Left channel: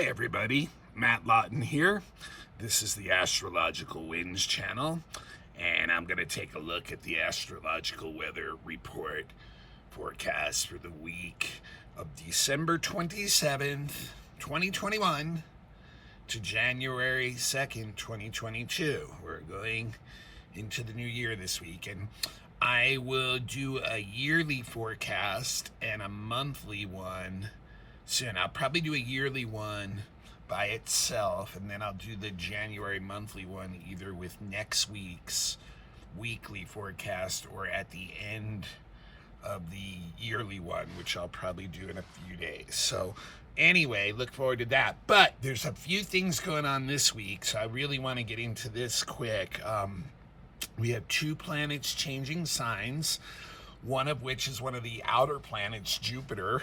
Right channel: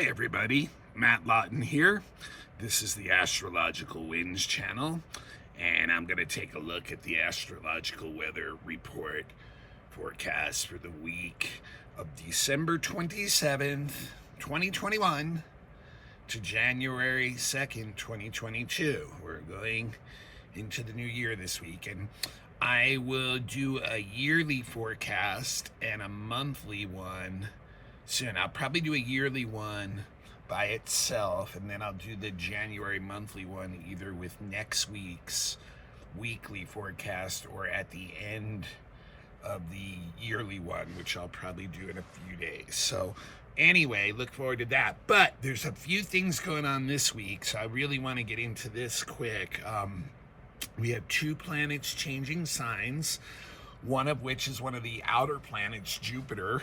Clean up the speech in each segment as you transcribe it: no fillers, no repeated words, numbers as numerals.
Hi everybody, Matt Lawton here. This is the Astrological Winds channel, and I'm going to take a look at the astrological weather report forecast for the week of December 27th, 2021 to January 2nd, 2022. We're going into the new year this week, and I will do a yearly forecast and a monthly one soon. I'll probably do a yearly one by itself, and then I'll do the January monthly one either with next week's weekly forecast or at the end of the yearly one, which I'll probably do in a few days. So anyway, look forward to that. But there's a few things going on this week, so I really want to get into this quick. We have two planets changing signs, one of which is one of the outer planets, Jupiter,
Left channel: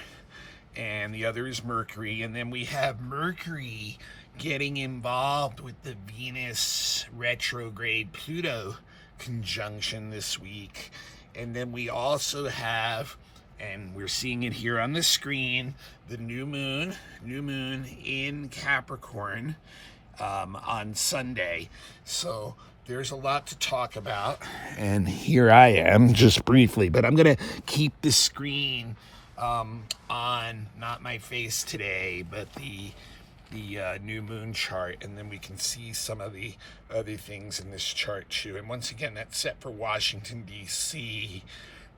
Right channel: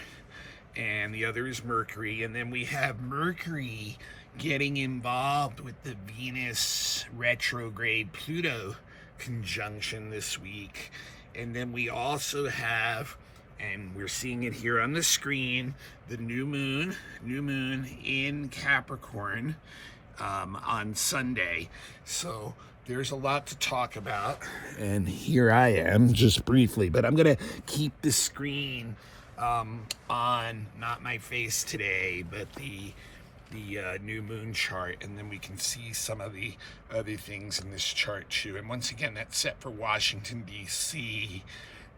and the other is Mercury. And then we have Mercury getting involved with the Venus retrograde Pluto conjunction this week. And then we also have, and we're seeing it here on the screen, the new moon in Capricorn on Sunday. So there's a lot to talk about, and here I am just briefly, but I'm gonna keep the screen on, not my face today, but the new moon chart, and then we can see some of the other things in this chart too. And once again, that's set for Washington, D.C.,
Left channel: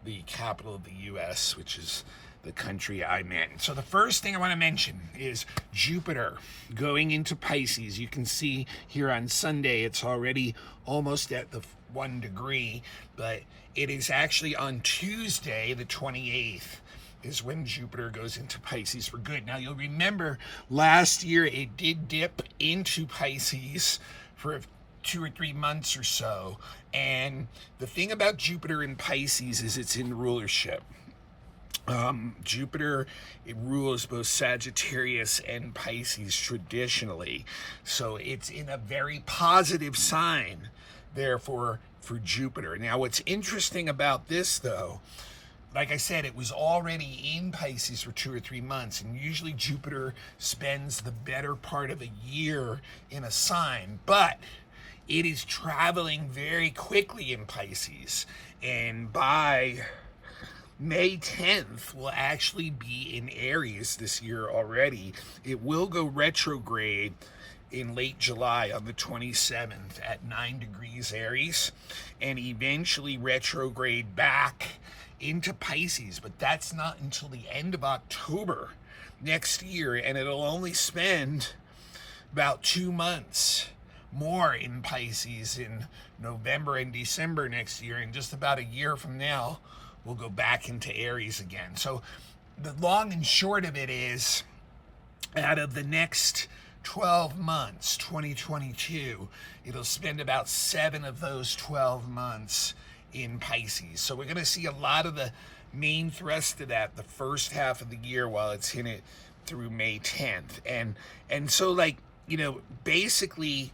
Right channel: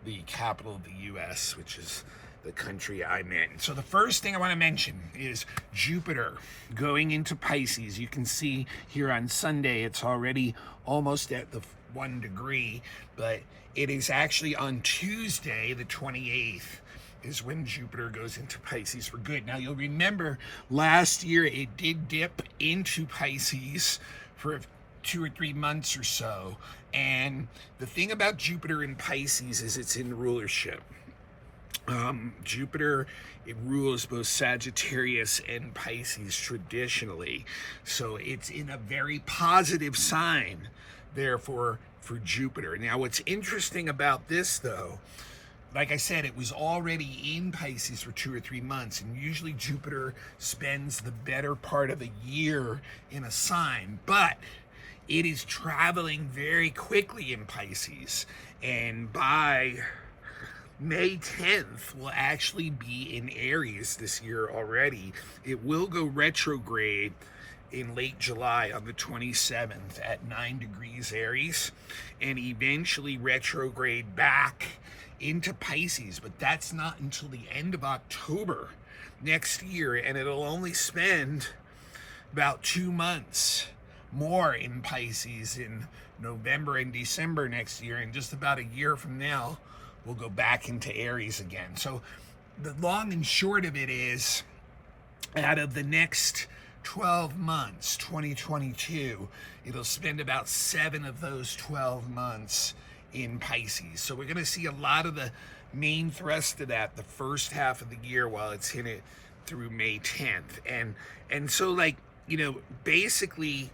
the capital of the U.S., which is the country I'm in. So the first thing I want to mention is Jupiter going into Pisces. You can see here on Sunday, it's already almost at the 1 degree, but it is actually on Tuesday, the 28th, is when Jupiter goes into Pisces for good. Now, you'll remember last year it did dip into Pisces for 2 or 3 months or so. And the thing about Jupiter in Pisces is it's in rulership. Jupiter, it rules both Sagittarius and Pisces traditionally. So it's in a very positive sign, therefore, for Jupiter. Now, what's interesting about this, though, like I said, it was already in Pisces for 2 or 3 months, and usually Jupiter spends the better part of a year in a sign, but it is traveling very quickly in Pisces, and by May 10th will actually be in Aries this year already. It will go retrograde in late July on the 27th at 9 degrees Aries, and eventually retrograde back into Pisces, but that's not until the end of October next year, and it'll only spend about 2 months more in Pisces in November and December next year, and just about a year from now we'll go back into Aries again. So the long and short of it is, out of the next 12 months, 2022, it'll spend about 7 of those 12 months in Pisces. So we're going to see a lot of the main thrust of that the first half of the year while it's in it through May 10th. And so, like, you know, basically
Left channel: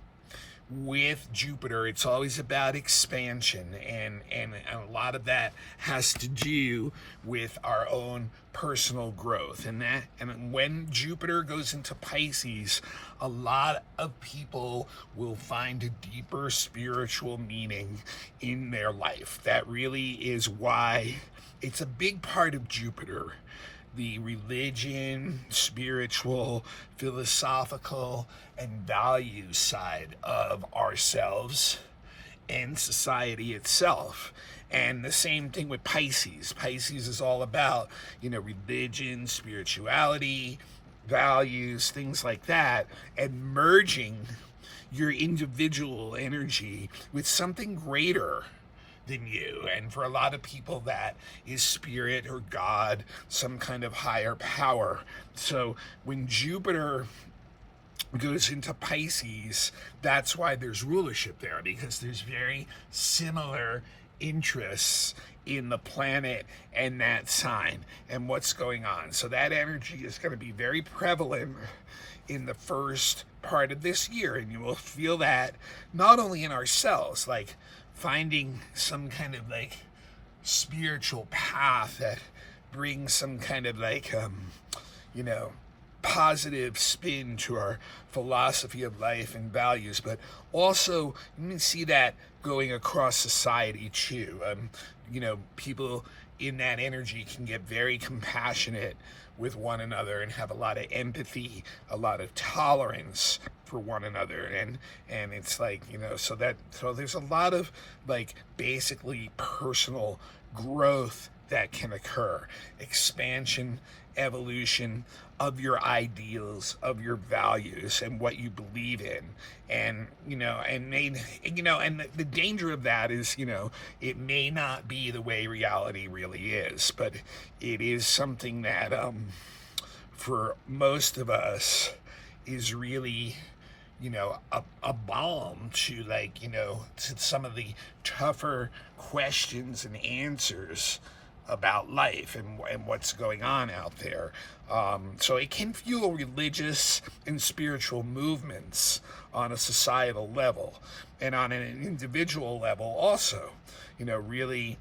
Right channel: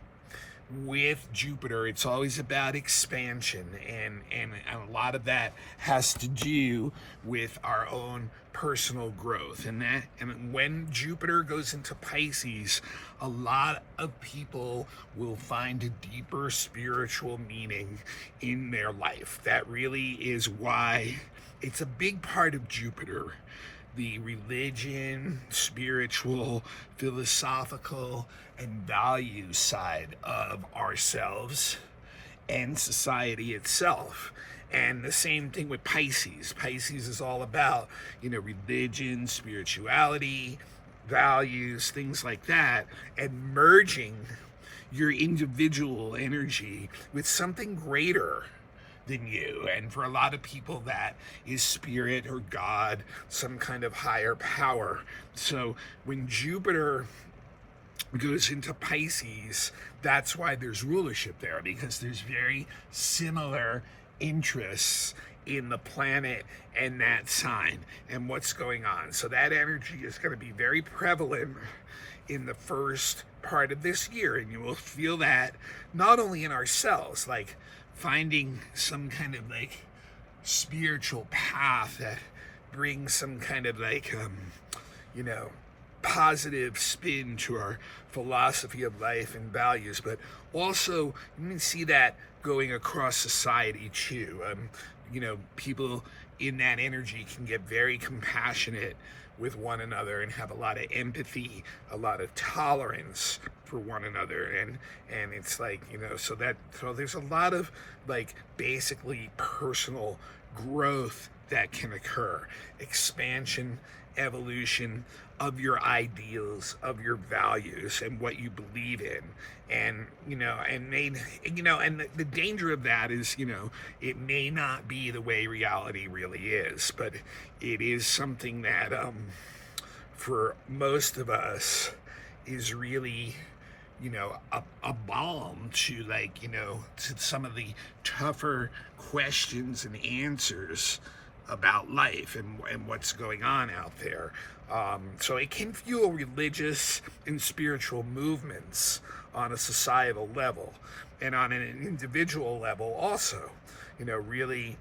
with Jupiter, it's always about expansion, and a lot of that has to do with our own personal growth. And when Jupiter goes into Pisces, a lot of people will find a deeper spiritual meaning in their life. That really is why it's a big part of Jupiter. The religion, spiritual, philosophical, and value side of ourselves and society itself. And the same thing with Pisces. Pisces is all about, you know, religion, spirituality, values, things like that, and merging your individual energy with something greater than you. And for a lot of people, that is spirit or God, some kind of higher power. So when Jupiter goes into Pisces, that's why there's rulership there, because there's very similar interests in the planet and that sign and what's going on. So that energy is going to be very prevalent in the first part of this year, and you will feel that not only in ourselves, like finding some kind of like spiritual path that brings some kind of like positive spin to our philosophy of life and values, but also you can see that going across society too. People in that energy can get very compassionate with one another and have a lot of empathy, a lot of tolerance for one another, and it's like, so there's a lot of like basically personal growth that can occur, expansion, evolution of your ideals, of your values, and what you believe in. And the danger of that is, it may not be the way reality really is, but it is something that for most of us is really a balm to to some of the tougher questions and answers about life and what's going on out there. So it can fuel religious and spiritual movements on a societal level, and on an individual level also. Really,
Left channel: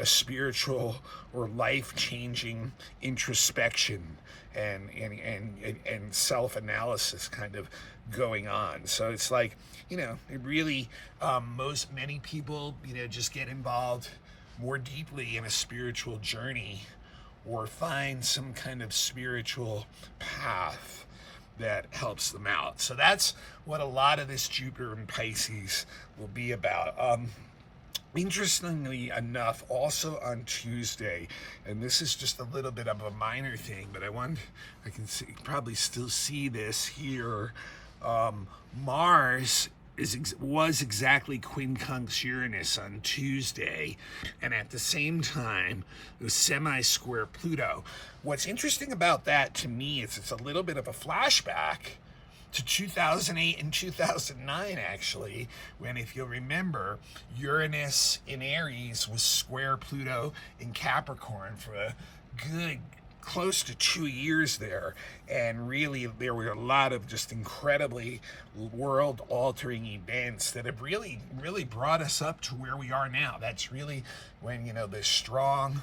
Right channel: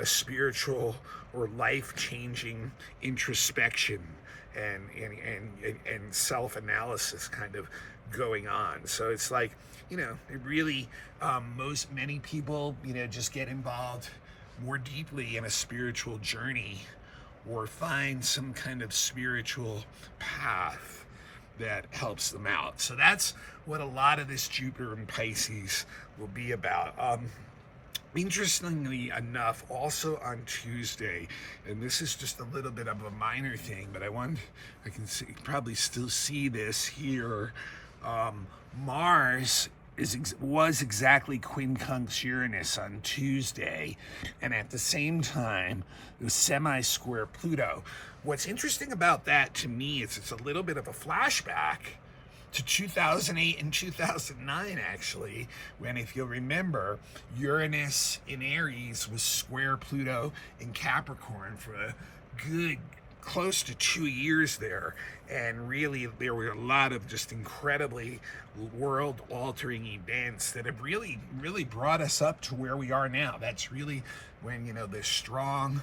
a spiritual or life-changing introspection and self-analysis kind of going on. So it's like, it really, many people, just get involved more deeply in a spiritual journey or find some kind of spiritual path that helps them out. So that's what a lot of this Jupiter in Pisces will be about. Interestingly enough, also on Tuesday, and this is just a little bit of a minor thing, but I can probably still see this here. Mars was exactly quincunx Uranus on Tuesday, and at the same time it was semi-square Pluto. What's interesting about that to me is it's a little bit of a flashback to 2008 and 2009, actually, when, if you'll remember, Uranus in Aries was square Pluto in Capricorn for a good close to 2 years there, and really there were a lot of just incredibly world-altering events that have really brought us up to where we are now. That's really when the strong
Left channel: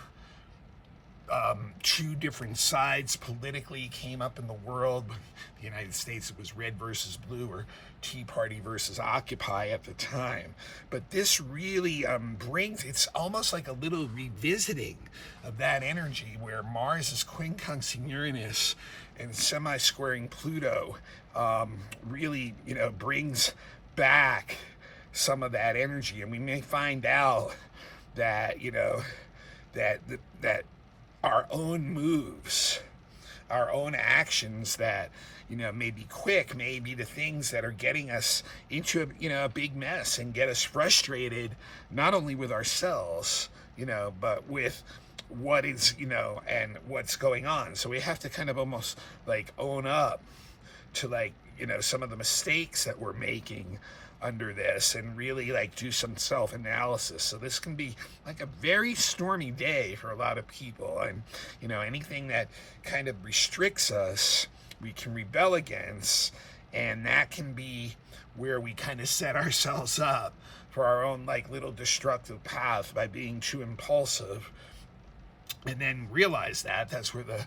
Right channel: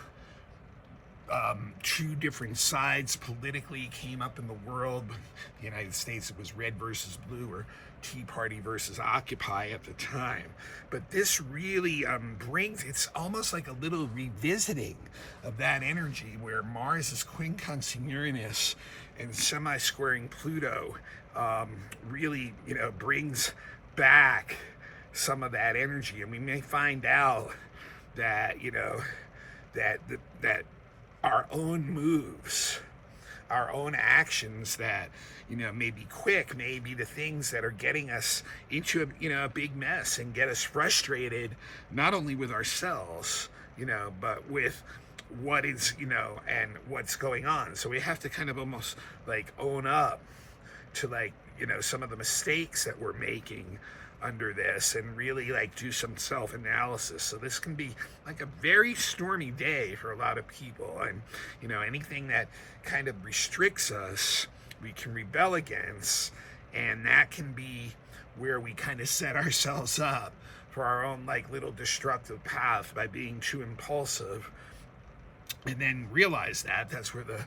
two different sides politically came up in the world. The United States, it was red versus blue, or Tea Party versus Occupy at the time. But this really it's almost like a little revisiting of that energy where Mars is quincunxing Uranus and semi-squaring Pluto, really, brings back some of that energy. And we may find out that, that our own moves, our own actions that, may be quick, may be the things that are getting us into a big mess and get us frustrated, not only with ourselves, but with what is, and what's going on. So we have to kind of almost like own up to some of the mistakes that we're making under this, and really do some self-analysis. So this can be like a very stormy day for a lot of people, and anything that kind of restricts us, we can rebel against, and that can be where we kind of set ourselves up for our own little destructive path by being too impulsive, and then realize that's where the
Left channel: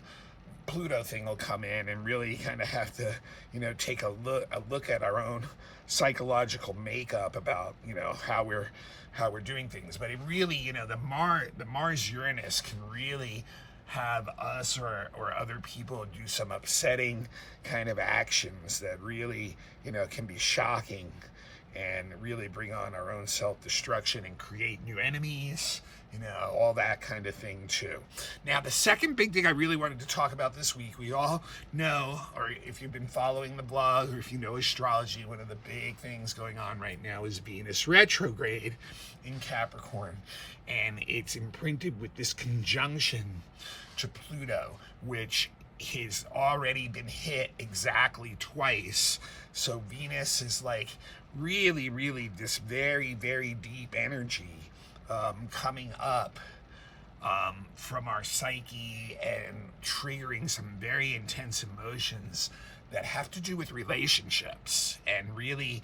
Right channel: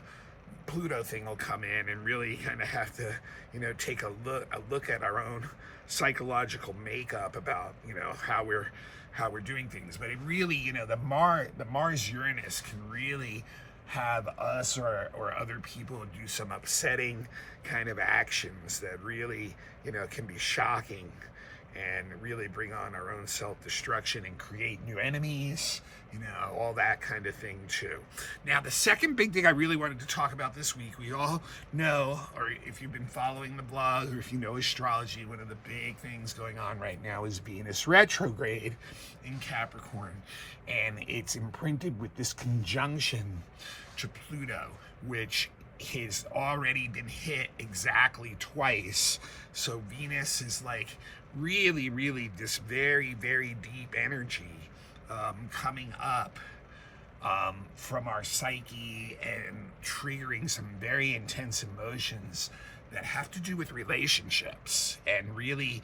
Pluto thing will come in, and really kind of have to take a look at our own psychological makeup about how we're doing things. But it really, the Mars Uranus can really have us or other people do some upsetting kind of actions that really can be shocking and really bring on our own self-destruction and create new enemies, all that kind of thing too. Now, the second big thing I really wanted to talk about this week, we all know, or if you've been following the blog, or if you know astrology, one of the big things going on right now is Venus retrograde in Capricorn, and it's imprinted with this conjunction to Pluto, which has already been hit exactly twice. So Venus is really this very deep energy coming up from our psyche and triggering some very intense emotions that have to do with relationships, and really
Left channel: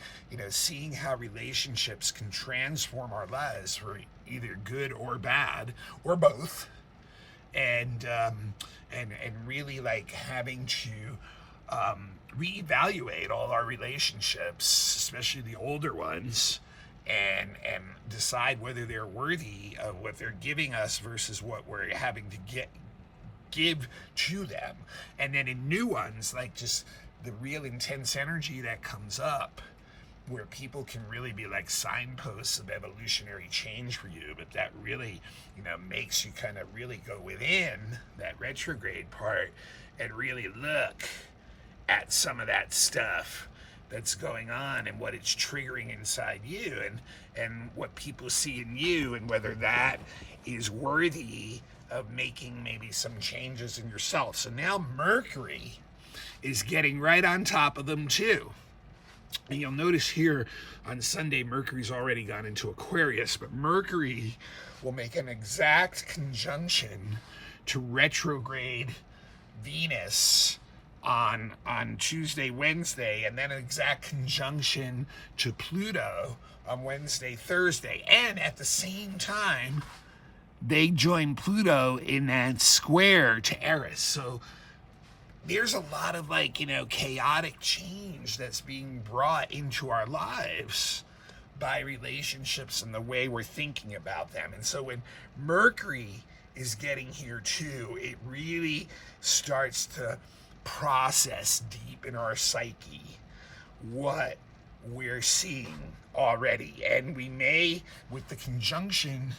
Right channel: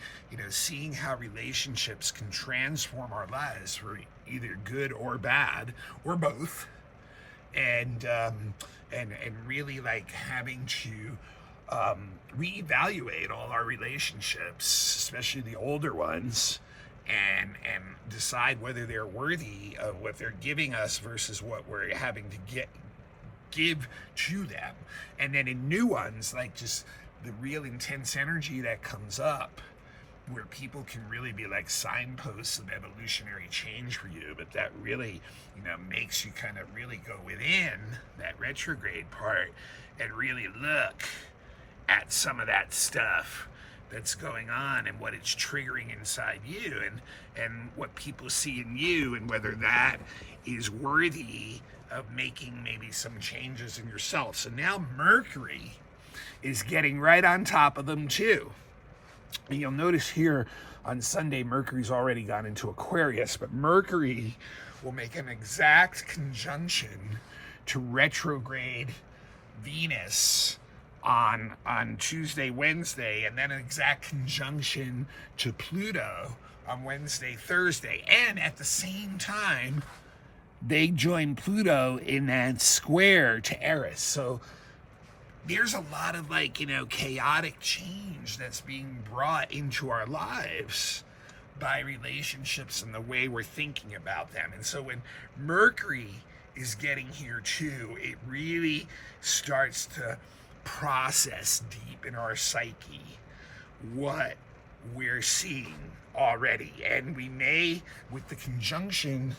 seeing how relationships can transform our lives for either good or bad or both, and really like having to reevaluate all our relationships, especially the older ones, and decide whether they're worthy of what they're giving us versus what we're having to give to them. And then in new ones, like just the real intense energy that comes up, where people can really be like signposts of evolutionary change for you, but that really, makes you kind of really go within that retrograde part and really look at some of that stuff that's going on and what it's triggering inside you, and what people see in you, and whether that is worthy of making maybe some changes in yourself. So now Mercury is getting right on top of them too. And you'll notice here on Sunday, Mercury's already gone into Aquarius, but Mercury will make an exact conjunction to retrograde Venus on Tuesday, Wednesday, and then an exact conjunction to Pluto on Wednesday, Thursday. And at the same time, they join Pluto in that square to Eris. So there's a lot of chaotic change that's being brought into our lives by relationships and the way we're thinking about them. And so when Mercury is getting here too, it really starts to process deep in our psyche what we're seeing already. And we may, with the conjunction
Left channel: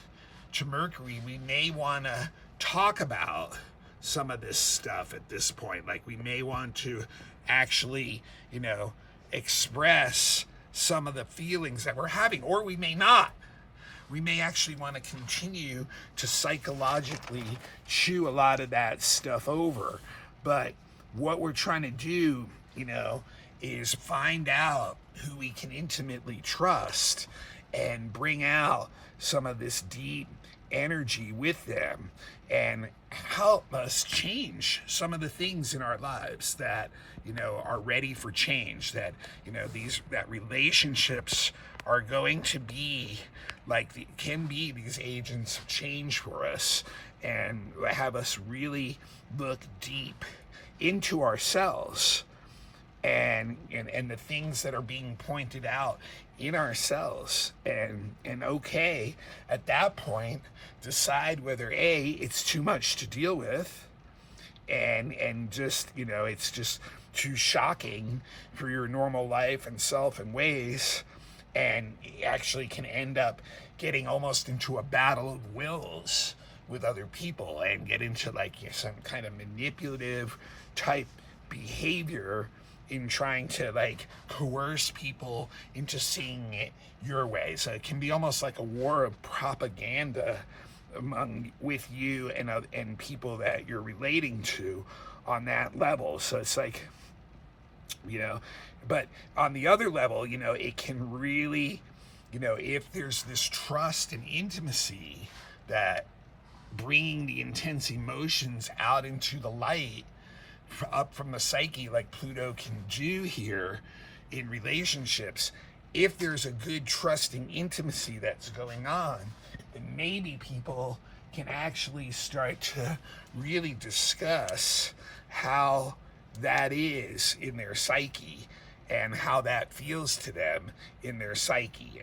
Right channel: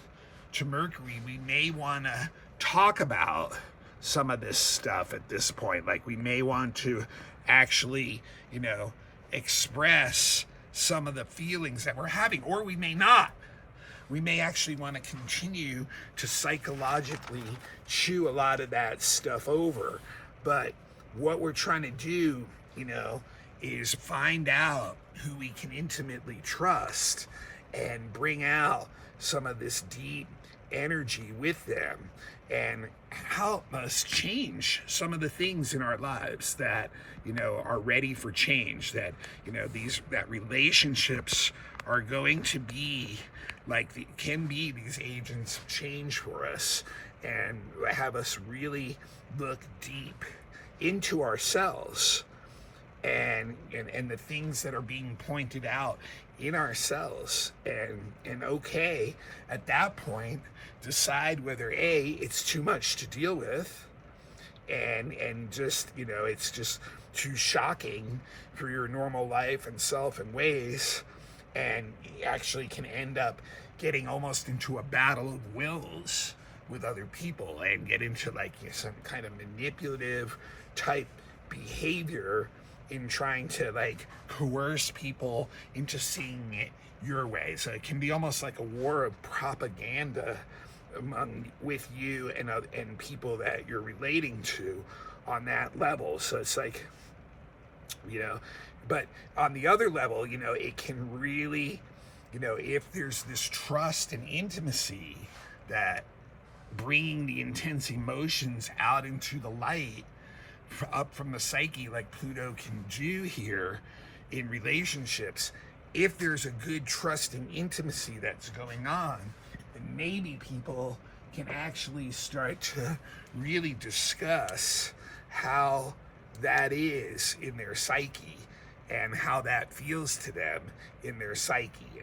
to Mercury, we may want to talk about some of this stuff at this point. Like we may want to actually, express some of the feelings that we're having, or we may not. We may actually want to continue to psychologically chew a lot of that stuff over. But what we're trying to do, is find out who we can intimately trust and bring out some of this deep energy with them and help us change some of the things in our lives that are ready for change, that that relationships are going to be can be these agents of change for us, and have us really look deep into ourselves and the things that are being pointed out in ourselves, and okay, at that point, decide whether it's too much to deal with, and just it's just too shocking for your normal life and self and ways, and actually can end up getting almost into a battle of wills with other people and get into some kind of manipulative type behavior in trying to coerce people into seeing it your way. So it can be almost like a war of propaganda with you and people that you're relating to on that level. So it's but on the other level, it can really, if there's this trust and intimacy, that bringing the intense emotions out into the light up from the psyche, like Pluto can do here in relationships, if there's a good trusting intimacy that's going on, then maybe people can actually start to really discuss how that is in their psyche and how that feels to them in their psyche,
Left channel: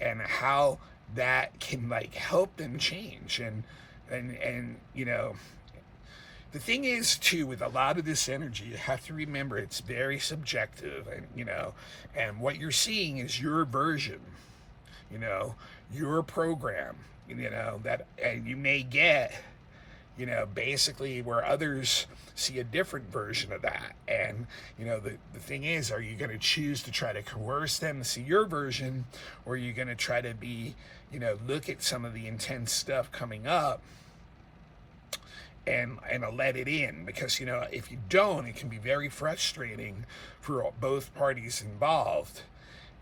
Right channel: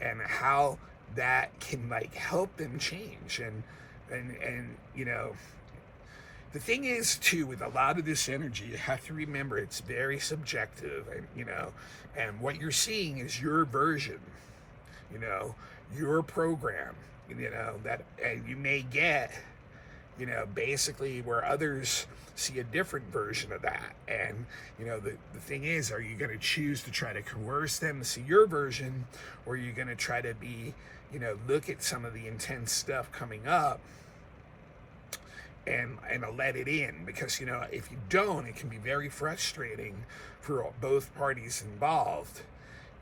and how that can help them change. And the thing is too, with a lot of this energy, you have to remember it's very subjective, and what you're seeing is your version, your program, that, and you may get, basically where others see a different version of that. And, the thing is, are you going to choose to try to coerce them to see your version, or are you going to try to be, look at some of the intense stuff coming up and let it in? Because if you don't, it can be very frustrating for both parties involved,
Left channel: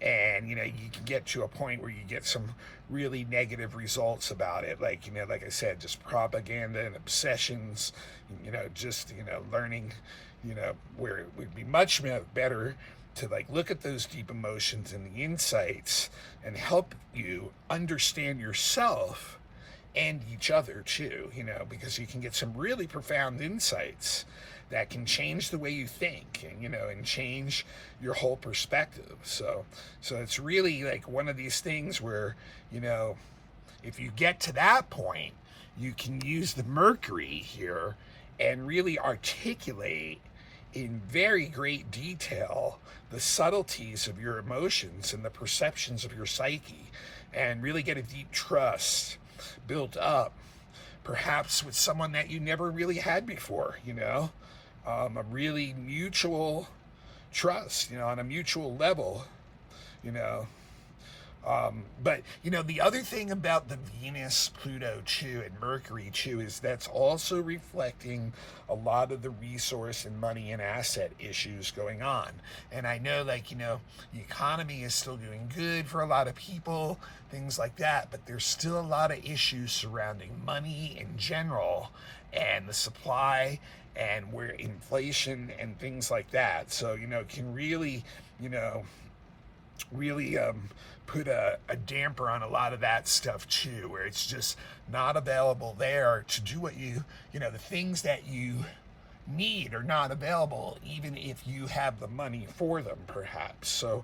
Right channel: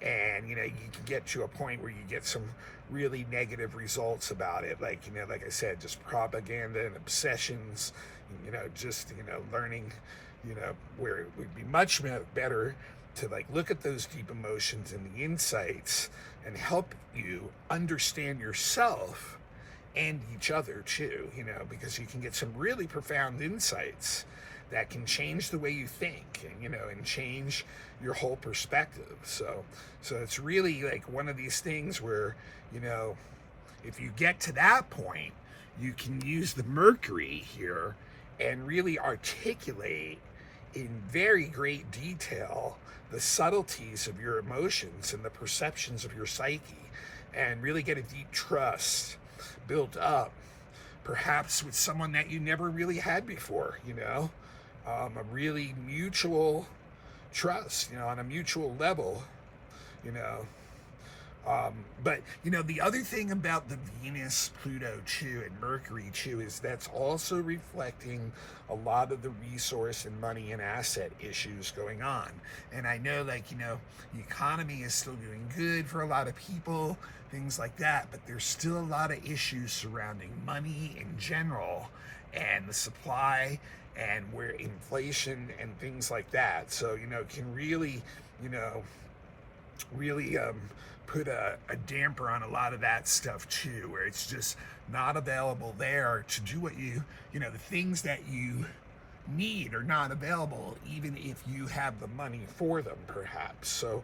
and you can get to a point where you get some really negative results about it, like I said, just propaganda and obsessions, learning, where it would be much better to look at those deep emotions and the insights and help you understand yourself and each other too, because you can get some really profound insights that can change the way you think, and change your whole perspective. So it's really like one of these things where, if you get to that point, you can use the Mercury here and really articulate in very great detail the subtleties of your emotions and the perceptions of your psyche, and really get a deep trust built up, perhaps with someone that you never really had before, a really mutual trust, on a mutual level, but the other thing about the Venus, Pluto too, and Mercury too, is that's also reflecting a lot of the resource and money and asset issues going on. And I know, the economy is still doing good for a lot of people, things like that, but there's still a lot of issues surrounding money in general and the supply and where inflation and things like that. So, it can really, put a damper on a lot of that stuff too, where it's just not available there to do what the things that you need are not available, even if you have the money for them, perhaps. So,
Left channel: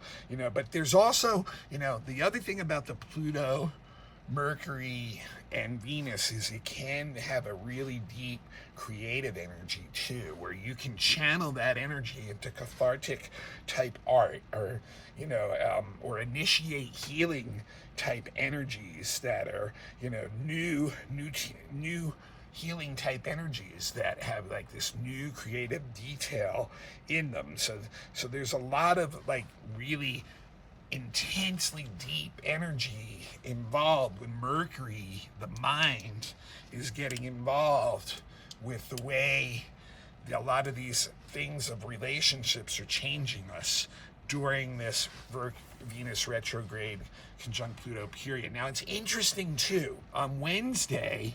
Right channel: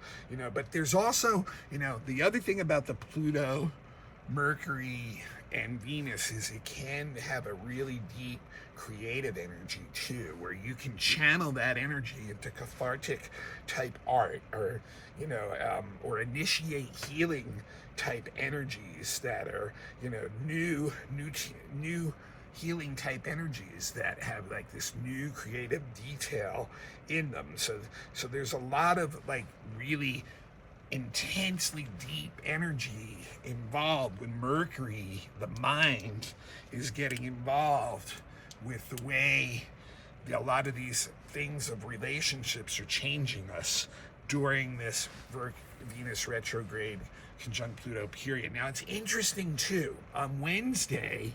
but there's also, the other thing about the Pluto, Mercury, and Venus is it can have a really deep creative energy too, where you can channel that energy into cathartic type art, or or initiate healing type energies that are new healing type energies that have like this new creative detail in them. So there's a lot of like really intensely deep energy involved when Mercury, the mind, is getting involved with the way a lot of these things of relationships are changing us during this Venus retrograde conjunct Pluto period. Now it's interesting too, on Wednesday,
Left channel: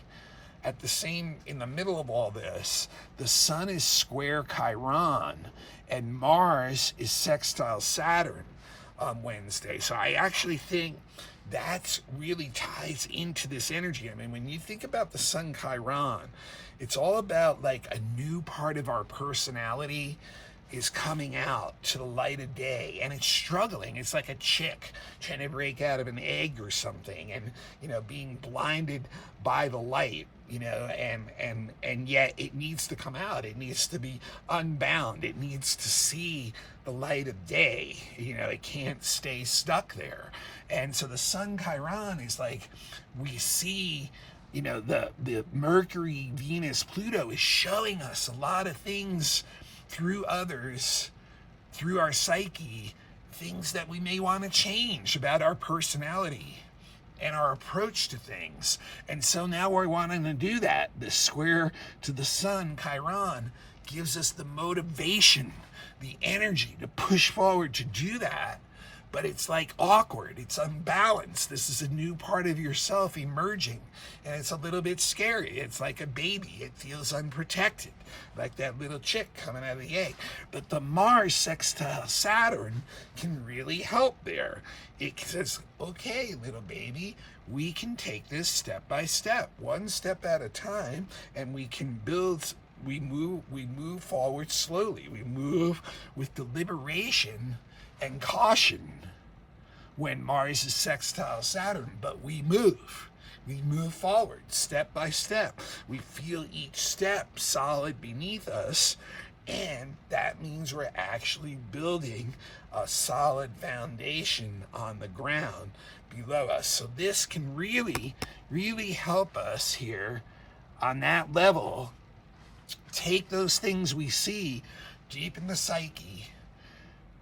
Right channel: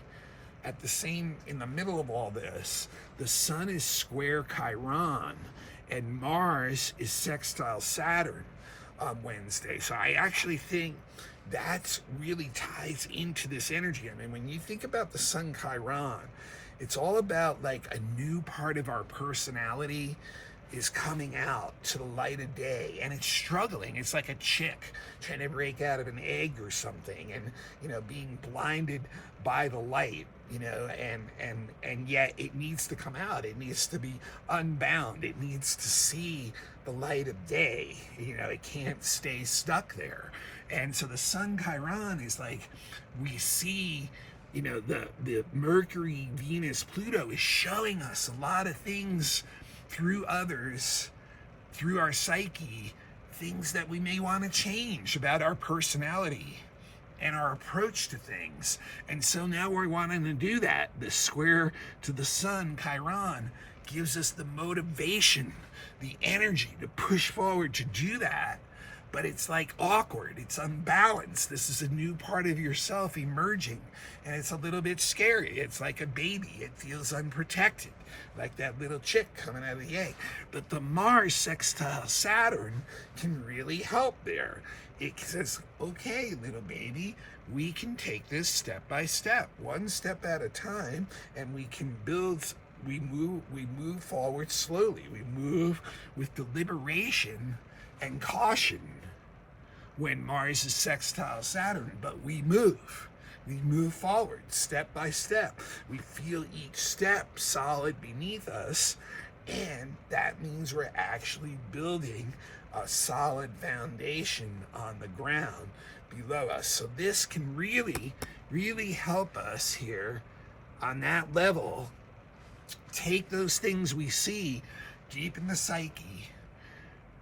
in the middle of all this, the Sun is square Chiron and Mars is sextile Saturn on Wednesday. So I actually think that really ties into this energy. I mean, when you think about the Sun Chiron, it's all about like a new part of our personality is coming out to the light of day, and it's struggling. It's like a chick trying to break out of an egg or something, and being blinded by the light, and yet it needs to come out. It needs to be unbound. It needs to see the light of day. It can't stay stuck there. And so the Sun Chiron is like, we see the Mercury, Venus, Pluto is showing us a lot of things through others, through our psyche, things that we may want to change about our personality and our approach to things. And so now we're wanting to do that. The square to the Sun, Chiron, gives us the motivation, the energy to push forward to do that. But it's like awkward, it's unbalanced. This is a new part of yourself emerging, and it's a little bit scary. It's like a baby, it feels unprotected, like that little chick coming out of the egg. But the Mars sextile Saturn can really help there. It says, okay, little baby, we can take this step by step, one step at a time, and we can build. We move forward slowly. We move with deliberation and caution when Mars is sextile Saturn, but we move forward step by step. We feel each step solid beneath us, and that means we're actually building a solid foundation on the ground below us. So this can really, really help us here on that level. Take those things we see deep in the psyche,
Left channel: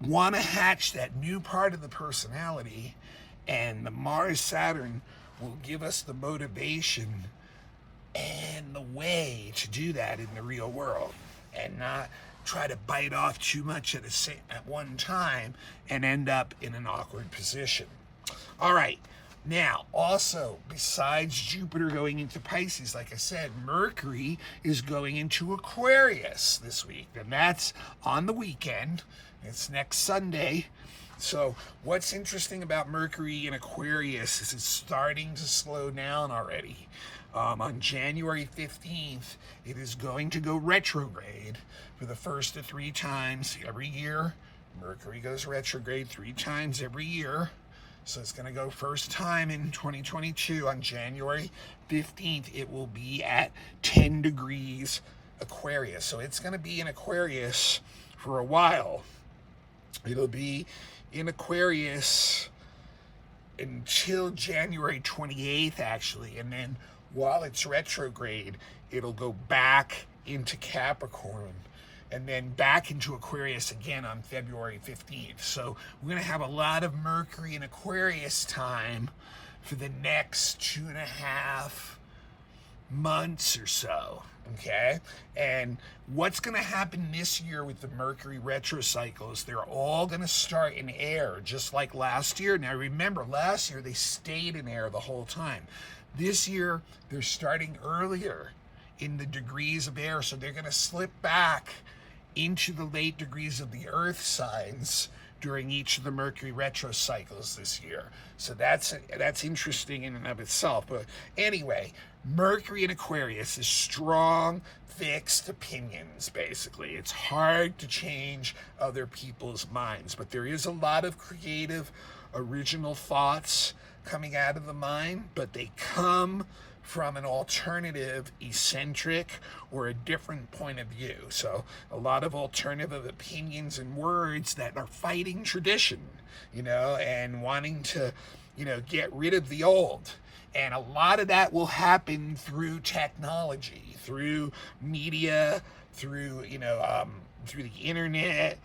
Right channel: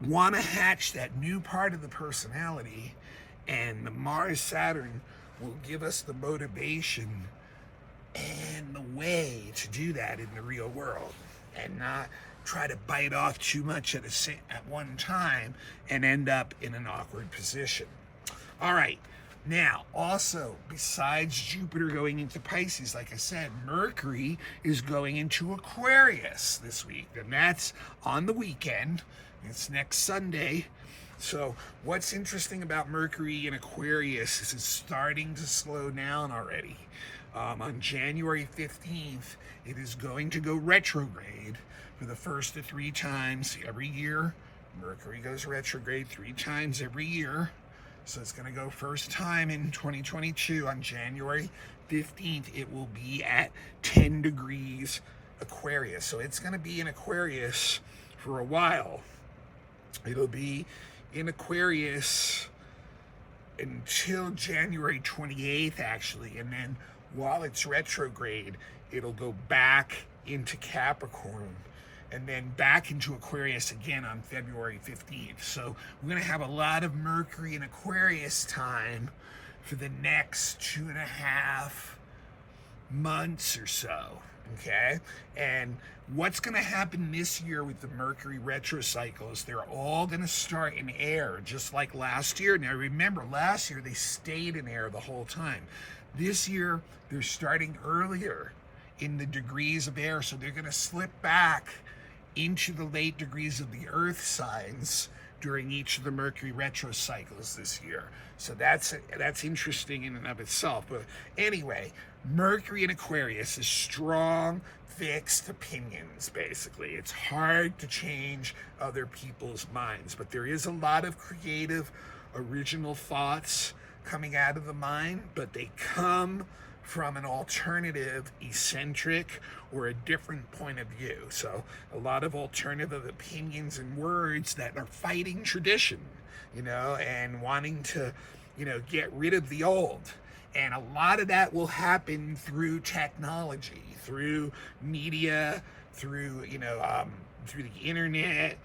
want to hatch that new part of the personality, and the Mars Saturn will give us the motivation and the way to do that in the real world, and not try to bite off too much at one time and end up in an awkward position. All right. Now, also, besides Jupiter going into Pisces, like I said, Mercury is going into Aquarius this week, and that's on the weekend. It's next Sunday. So what's interesting about Mercury in Aquarius is it's starting to slow down already. On January 15th, it is going to go retrograde for the first of 3 times every year. Mercury goes retrograde 3 times every year. So it's going to go first time in 2022 on January 15th. It will be at 10 degrees Aquarius. So it's going to be in Aquarius for a while. It'll be in Aquarius until January 28th, actually. And then while it's retrograde, it'll go back into Capricorn and then back into Aquarius again on February 15th. So we're going to have a lot of Mercury and Aquarius time for the next 2.5 months or so. Okay, and what's going to happen this year with the Mercury retro cycles, they're all going to start in air, just like last year. Now remember, last year they stayed in air the whole time. This year they're starting earlier in the degrees of air, so they're going to slip back into the late degrees of the earth signs during each of the Mercury retro cycles this year. So that's interesting in and of itself. But anyway, Mercury in Aquarius is strong, fixed opinions, basically. It's hard to change other people's minds, but there is a lot of creative, original thoughts coming out of the mind, but they come from an alternative, eccentric, or a different point of view. So a lot of alternative opinions and words that are fighting tradition, and wanting to, get rid of the old. And a lot of that will happen through technology, through media, through the internet,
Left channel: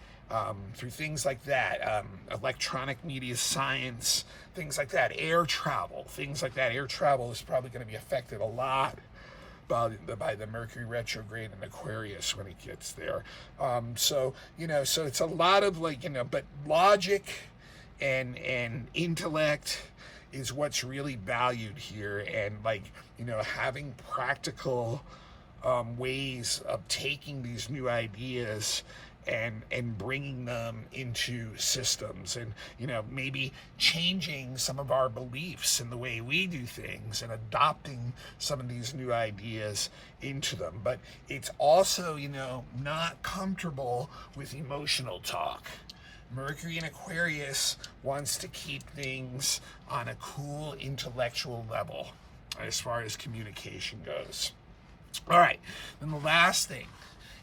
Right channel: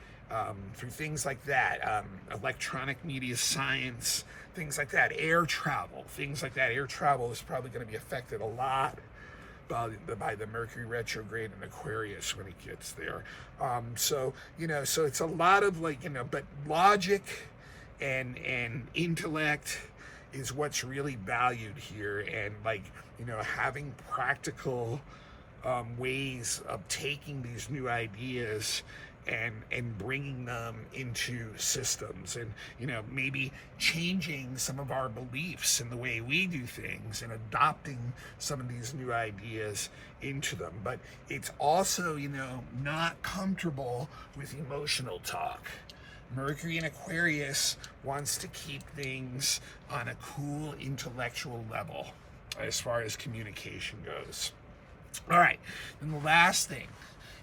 through things like that, electronic media, science, things like that, air travel, things like that. Air travel is probably going to be affected a lot by the Mercury retrograde in Aquarius when it gets there. So it's a lot of but logic and intellect is what's really valued here, and having practical ways of taking these new ideas and bringing them into systems, and maybe changing some of our beliefs in the way we do things and adopting some of these new ideas into them. But it's also not comfortable with emotional talk. Mercury in Aquarius wants to keep things on a cool intellectual level as far as communication goes. All right, and the last thing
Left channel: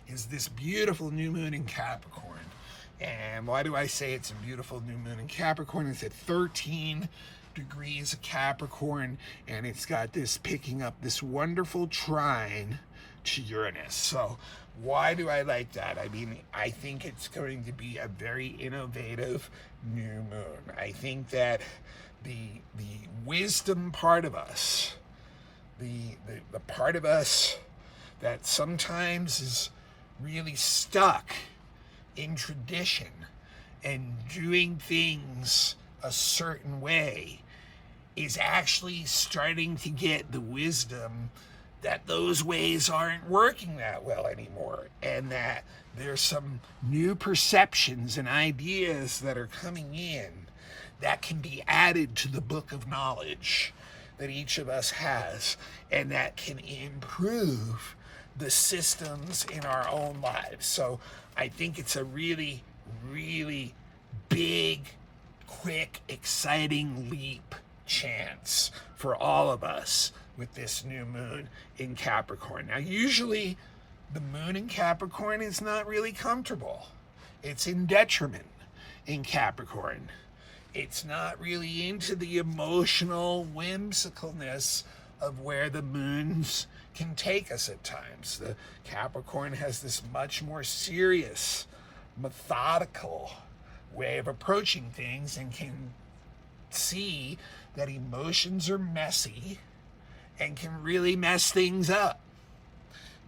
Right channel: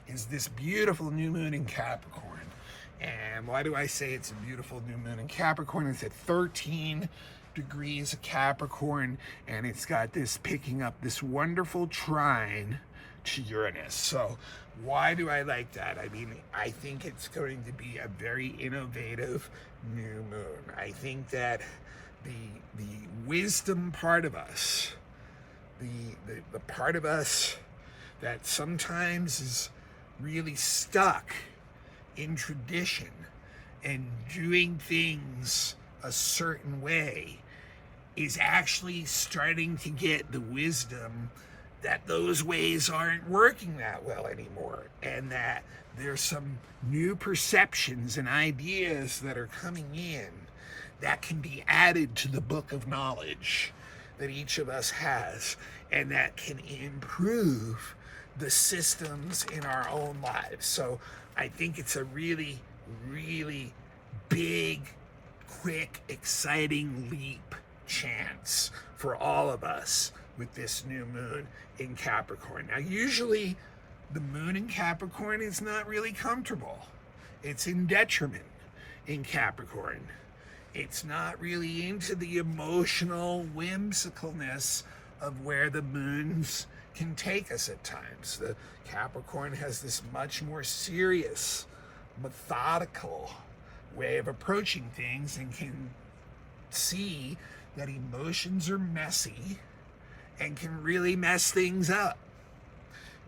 is this beautiful new moon in Capricorn. And why do I say it's a beautiful new moon in Capricorn? It's at 13 degrees of Capricorn, and it's got this picking up this wonderful trine to Uranus. So why do I like that? I mean, I think it's going to be a very innovative new moon. I think that the wisdom part of us, the part of us that sometimes is really stuck in tradition and doing things a certain way, is actually starting to get the wisdom that those ways aren't working that well anymore, and that there's some new perceptions and ideas that are coming in that can be added to the book of knowledge that each of us has, and that can improve the systems in our own lives. So I think it's a really, really big, quick, exciting leap chance for all of us with this new moon in Capricorn. Now, usually the moon in Capricorn is not really comfortable. It's in detriment in Capricorn. It's not really into the emotional whimsicalness of where the moons can take us at times. The Capricorn has this much more serious, methodical way of approaching things, and can see that emotions are messy and can really mess things up,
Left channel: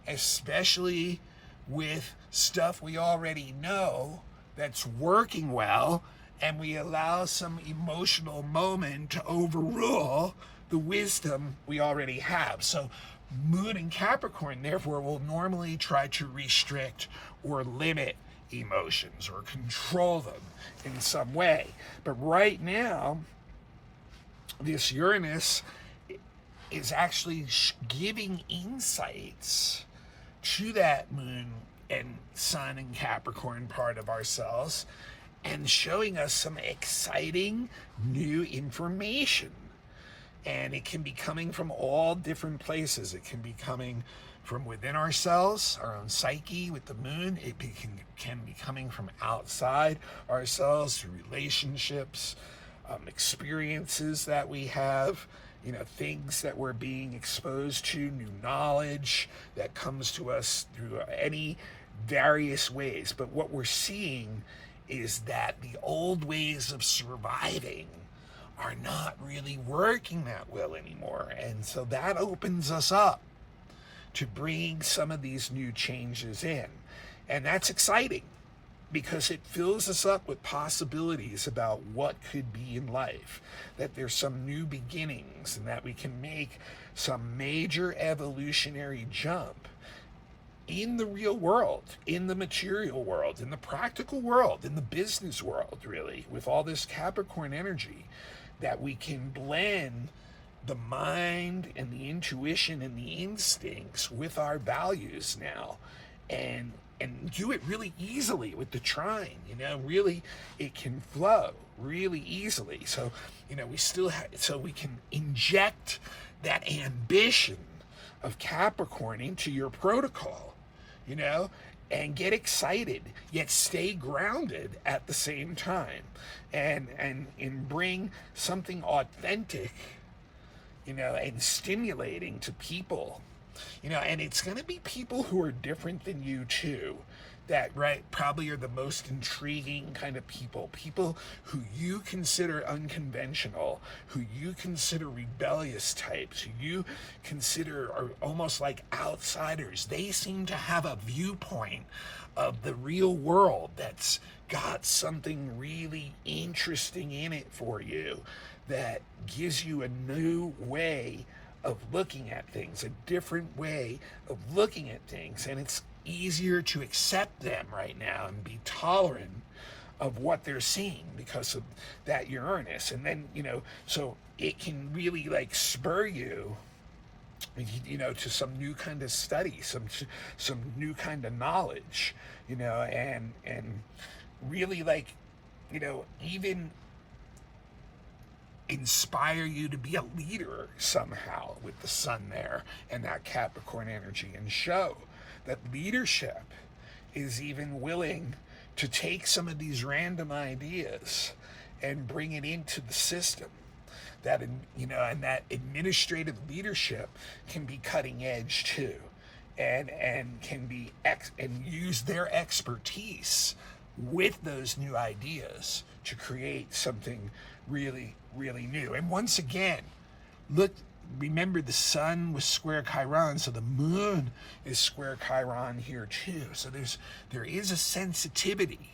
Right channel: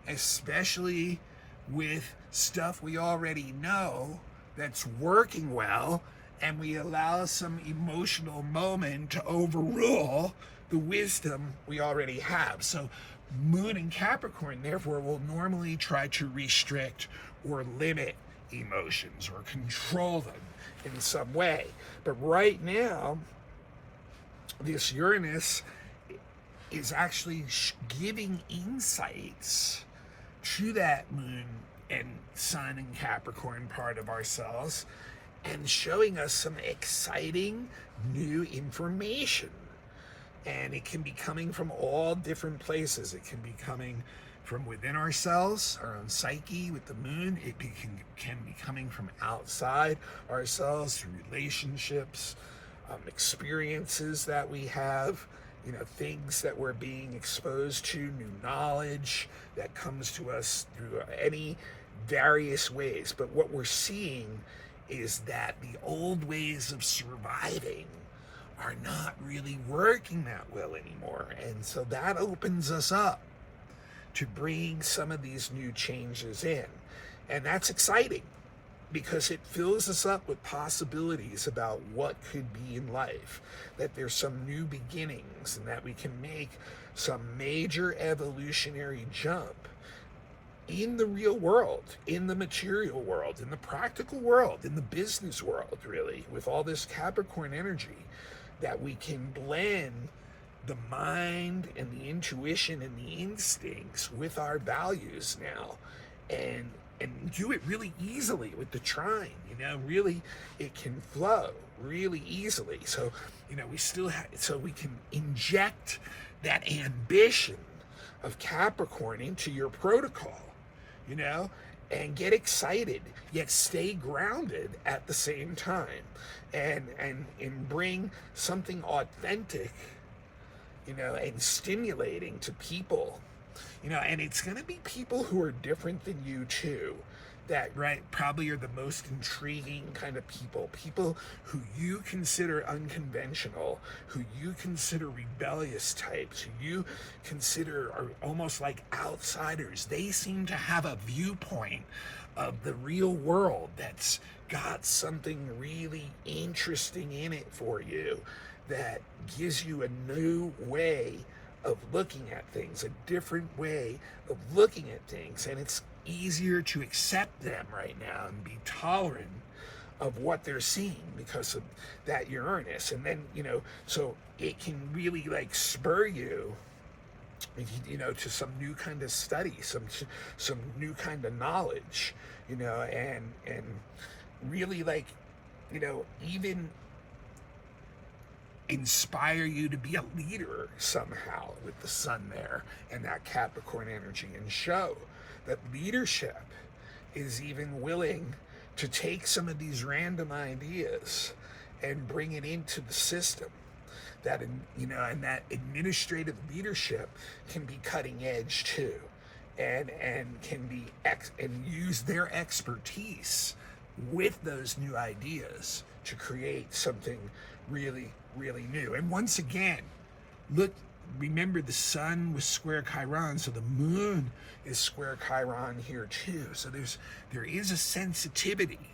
especially with stuff we already know that's working well, and we allow some emotional moment to overrule the wisdom we already have. So moon in Capricorn, therefore, will normally try to restrict or limit emotions or control them in some way. But right now, this Uranus is actually giving insights to that moon and sun and Capricorn part of ourselves, and showing us some exciting new information. And it can be coming from all different places. It can be coming from within ourselves, our own psyche with the moon. Can be coming from outside ourselves through relationships, experiences that we have, things that we're being exposed to, new knowledge that comes to us through any various ways. But what we're seeing is that the old ways of surviving are not really working that well anymore. And so that opens us up to bring some of these new changes in. And that's exciting because it fills us up with possibilities about what could be in life, that there's some new beginnings, and that we can make some major evolutionary jump in the real world, in the material world, in the practical world, in the business world, really, with all this Capricorn energy, that we can blend the mind and the intuition and the instincts with our values now, and do it really easily with the trine. Really it can flow really easily. So we still have, so we can inject that ambition of Capricorn into your protocol, and get excited yet stay grounded at the same time, and bring something authentic, and stimulating to people, and it's going to be people who are different than you too, that probably are the most intriguing kind of people who you consider unconventional, who you consider rebellious types, who you consider are almost like outsiders. They seem to have a viewpoint of the real world that's got something really interesting in it for you, that gives you a new way of looking at things, a different way of looking at things. And it's easier to accept them right now and be tolerant of what they're seeing because of that Uranus. And then, so it can really spur you, to some new kind of study, some new kind of knowledge, and really even inspire you to be a leader somehow with the sun there and that Capricorn energy, and show that leadership is even willing to take some of these random ideas and bring it into the system. That, and that administrative leadership can be cutting edge too, and can be and use their expertise with those new ideas to create something really, really new. And once again, remember the sun was square Chiron, so the moon is square Chiron here too. So there is a sensitivity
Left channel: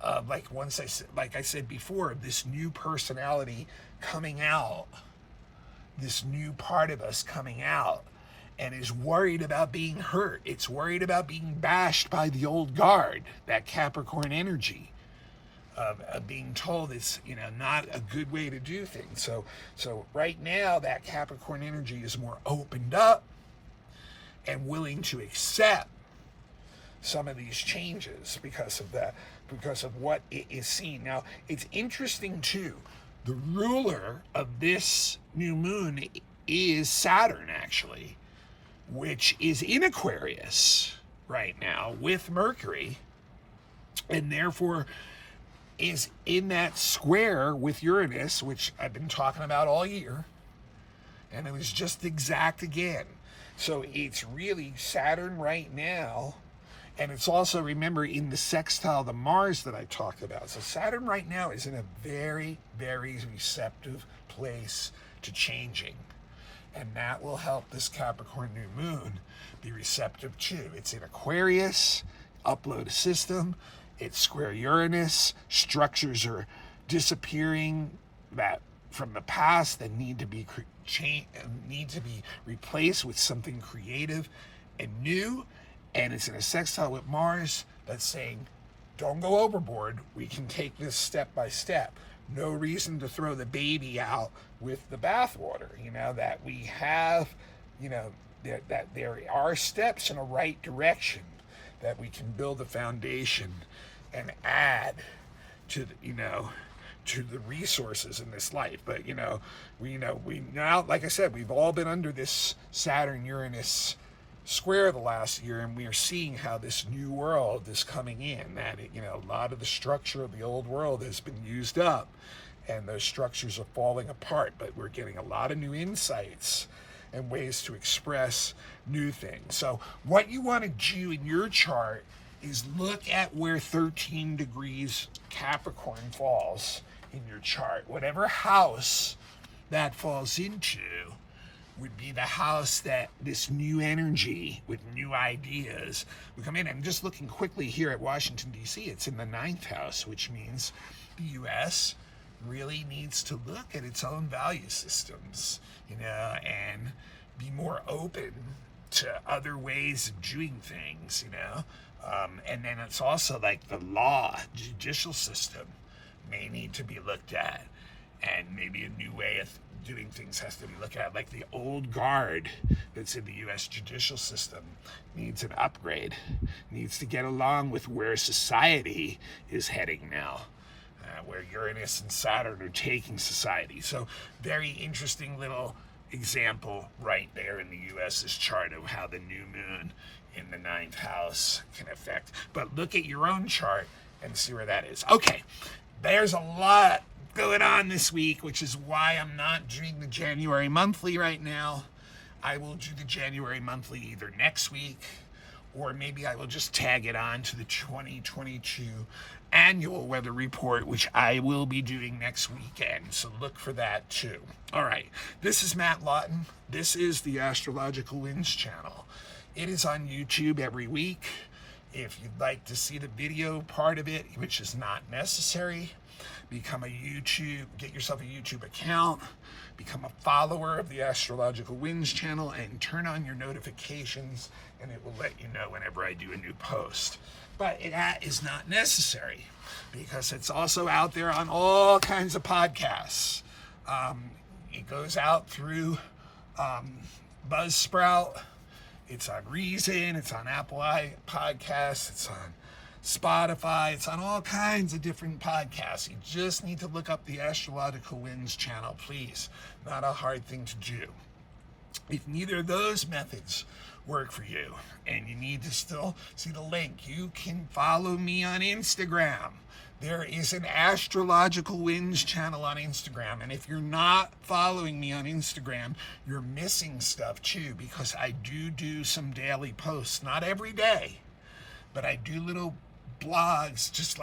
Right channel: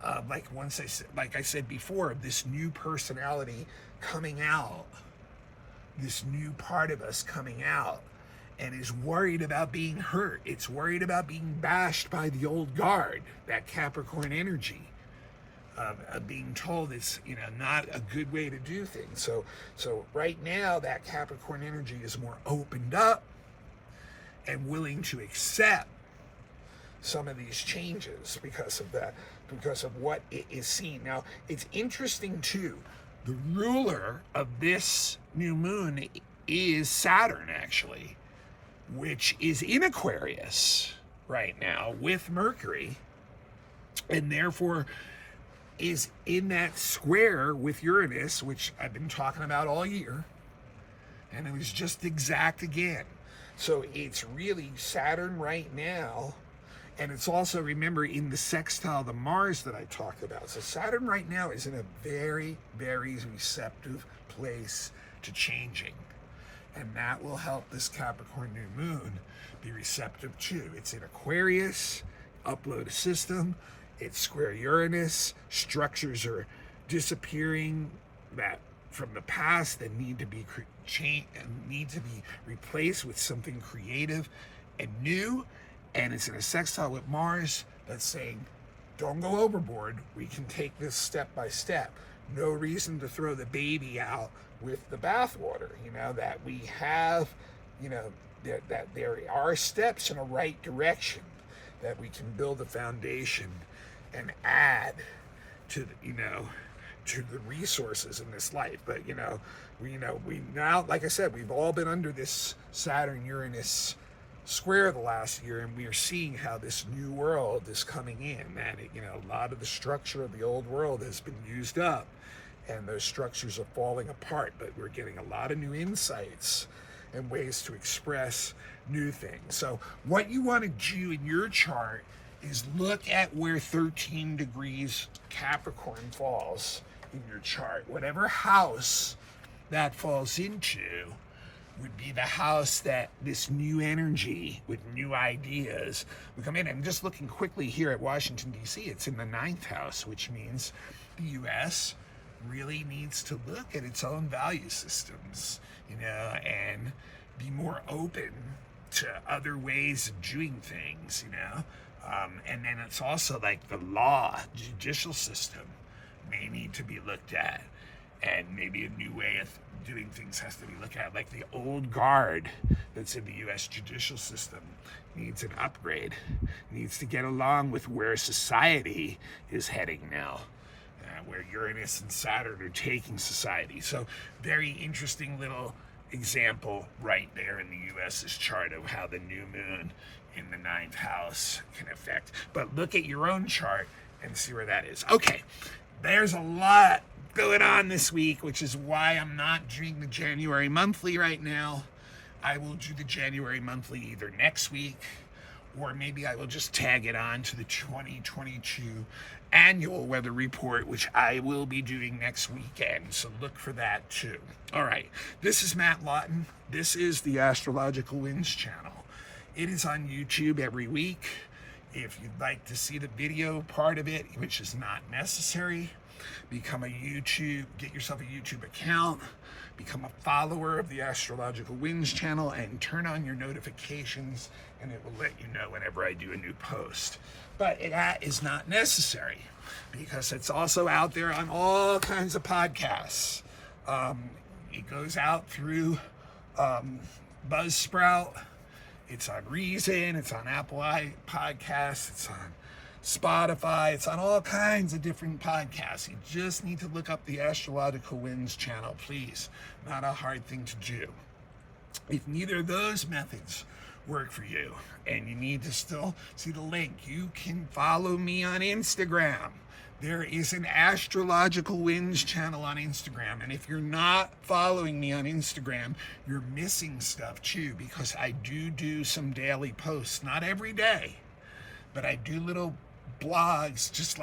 of, like I said before, of this new personality coming out, this new part of us coming out, and is worried about being hurt. It's worried about being bashed by the old guard, that Capricorn energy. Of being told it's not a good way to do things. So right now that Capricorn energy is more opened up and willing to accept some of these changes because of what it is seen. Now it's interesting too, the ruler of this new moon is Saturn actually, which is in Aquarius right now with Mercury, and therefore is in that square with Uranus, which I've been talking about all year, and it was just exact again. So it's really Saturn right now, and it's also, remember, in the sextile to Mars that I talked about. So Saturn right now is in a very, very receptive place to changing, and that will help this Capricorn new moon be receptive too. It's in Aquarius, upload a system. It's square Uranus. Structures are disappearing that from the past that need to be replaced with something creative and new. And it's in a sextile with Mars that's saying, don't go overboard. We can take this step by step. no reason to throw the baby out with the bathwater. That we have, that there are steps in a right direction, that we can build a foundation and add to to the resources in this life. But we now, like I said, we've all been under this Saturn-Uranus square the last year, and we are seeing how this new world is coming in. That a lot of the structure of the old world has been used up, and those structures are falling apart. But we're getting a lot of new insights and ways to express new things. So what you want to do in your chart is look at where 13 degrees Capricorn falls in your chart. Whatever house that falls into would be the house that this new energy with new ideas would come in. And just looking quickly here at Washington, D.C., it's in the 9th house, which means the U.S. really needs to look at its own value systems, and be more open to other ways of doing things, and then it's also like the judicial system may need to be looked at, and maybe a new way of doing things has to be looked at. Like the old guard that's in the U.S. judicial system needs an upgrade, needs to get along with where society is heading now, where Uranus and Saturn are taking society. So very interesting little example right there in the U.S.'s chart of how the new moon in the 9th house can affect. But look at your own chart and see where that is. Okay, there's a lot going on this week, which is why I'm not doing the January monthly right now. I will do the January monthly either next week, or maybe I will just tag it on to the 2022 annual weather report, which I will be doing next weekend. So look for that too. All right, this is Matt Lawton. This is the Astrological Winds channel. It is on YouTube every week. If you'd like to see the video part of it, which is not necessary, get yourself a YouTube account, become a follower of the Astrological Winds channel, and turn on your notifications, and it will let you know whenever I do a new post. But that is not necessary, because it's also out there on all kinds of podcasts. It goes out through Buzzsprout. It's on Reason. It's on Apple Podcasts. It's on Spotify. It's on all kinds of different podcasts. You just need to look up the Astrological Winds channel, please. Not a hard thing to do. If neither of those methods work for you and you need to still see the link, you can follow me on Instagram. There is an Astrological Winds channel on Instagram, and if you're not following me on Instagram, you're missing stuff too, because I do some daily posts, not every day, but I do little blogs, just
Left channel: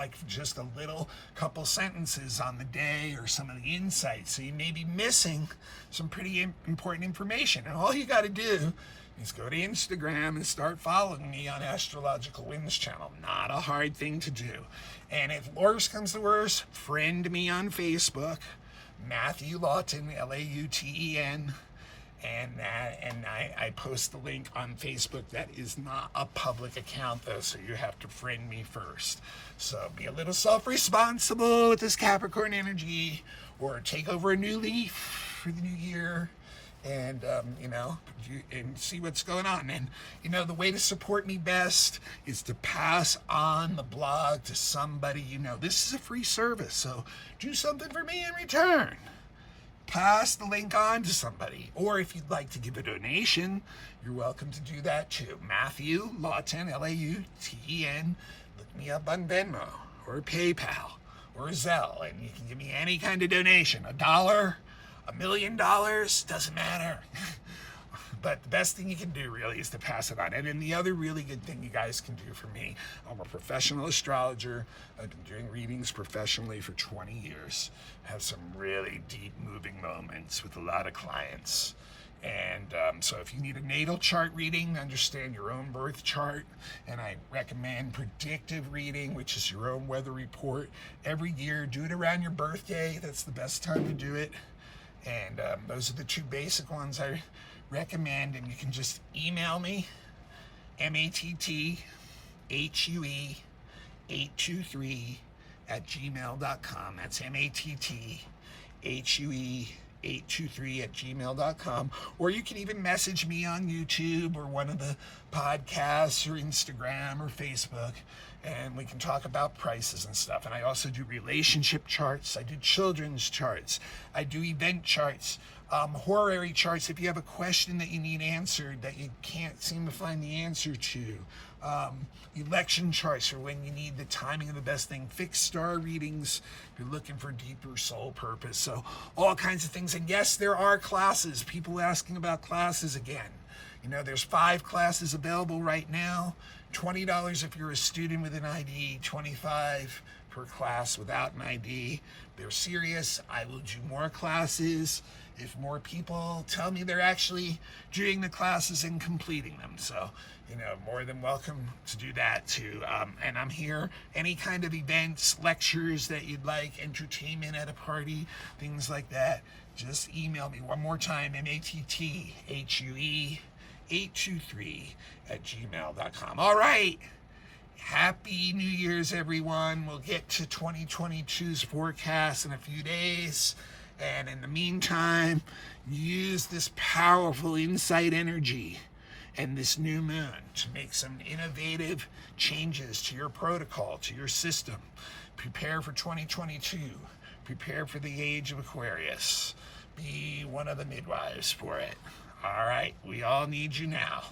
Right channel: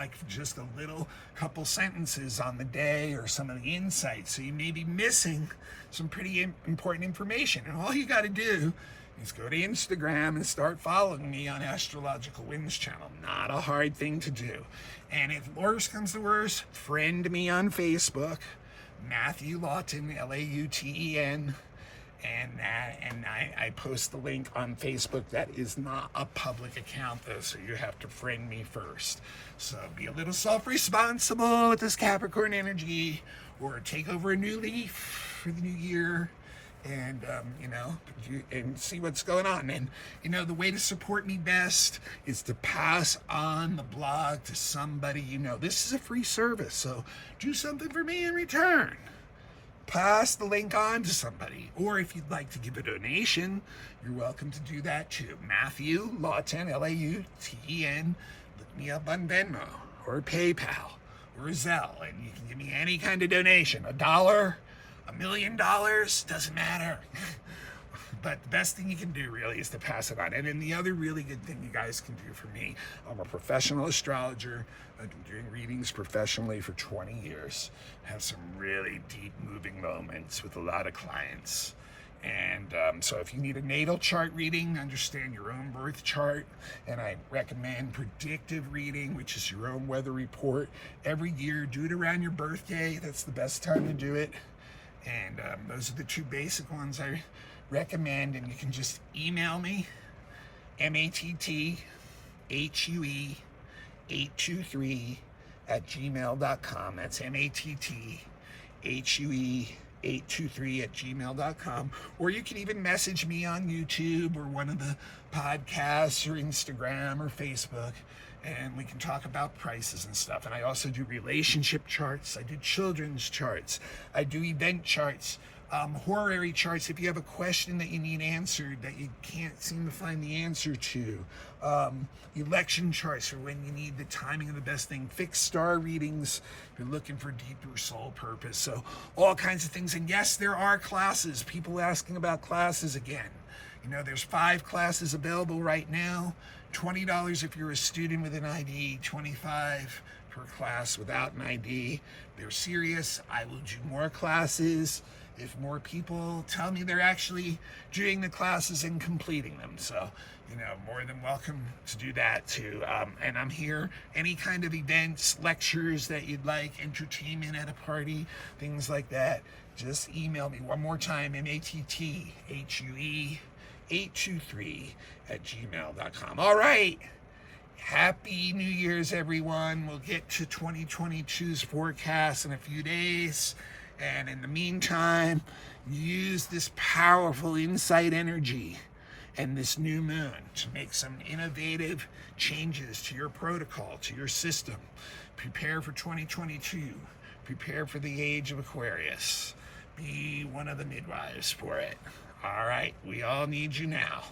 a little couple sentences on the day or some of the insights. So you may be missing some pretty important information, and all you got to do is go to Instagram and start following me on Astrological Winds channel. Not a hard thing to do. And if worse comes to worse, friend me on Facebook, Matthew Lawton, Lauten, and I post the link on Facebook. That is not a public account though, so you have to friend me first. So be a little self-responsible with this Capricorn energy, or take over a new leaf for the new year, and and see what's going on. And the way to support me best is to pass on the blog to somebody. This is a free service, so do something for me in return. Pass the link on to somebody. Or if you'd like to give a donation, you're welcome to do that too. Matthew Lawton, Lauten. Look me up on Venmo or PayPal or Zelle, and you can give me any kind of donation. $1, $1 million, doesn't matter. But the best thing you can do really is to pass it on. And then the other really good thing you guys can do for me, I'm a professional astrologer. I've been doing readings professionally for 20 years. I have some really deep moving moments with a lot of clients. And so if you need a natal chart reading, understand your own birth chart, and I recommend predictive reading, which is your own weather report. Every year, do it around your birthday. That's the best time to do it. And those are the two basic ones I recommend. And you can just email me, MATTHUE823 matthuE823@gmail.com. That's matthuE823@gmail.com. Or you can even message me on YouTube or one of the podcasts or Instagram or Facebook, and we can talk about prices and stuff. And I also do relationship charts. I do children's charts. I do event charts. Horary charts if you have a question that you need answered that you can't seem to find the answer to. Election charts for when you need the timing of the best thing. Fixed star readings if you're looking for deeper soul purpose. So all kinds of things. And yes, there are classes. People asking about classes again. You know, there's 5 classes available right now. $20 if you're a student with an ID, $25 per class without an ID. They're serious. I will do more classes if more people tell me they're actually doing the classes and completing them. So, you know, more than welcome to do that too. And I'm here, any kind of events, lectures that you'd like, entertainment at a party, things like that, just email me one more time, matthuE823@gmail.com. All right. Happy New Year's, everyone. We'll get to 2022's forecast in a few days. And in the meantime, use this powerful insight energy and this new moon to make some innovative changes to your protocol, to your system. Prepare for 2022. Prepare for the age of Aquarius. Be one of the midwives for it. All right, we all need you now.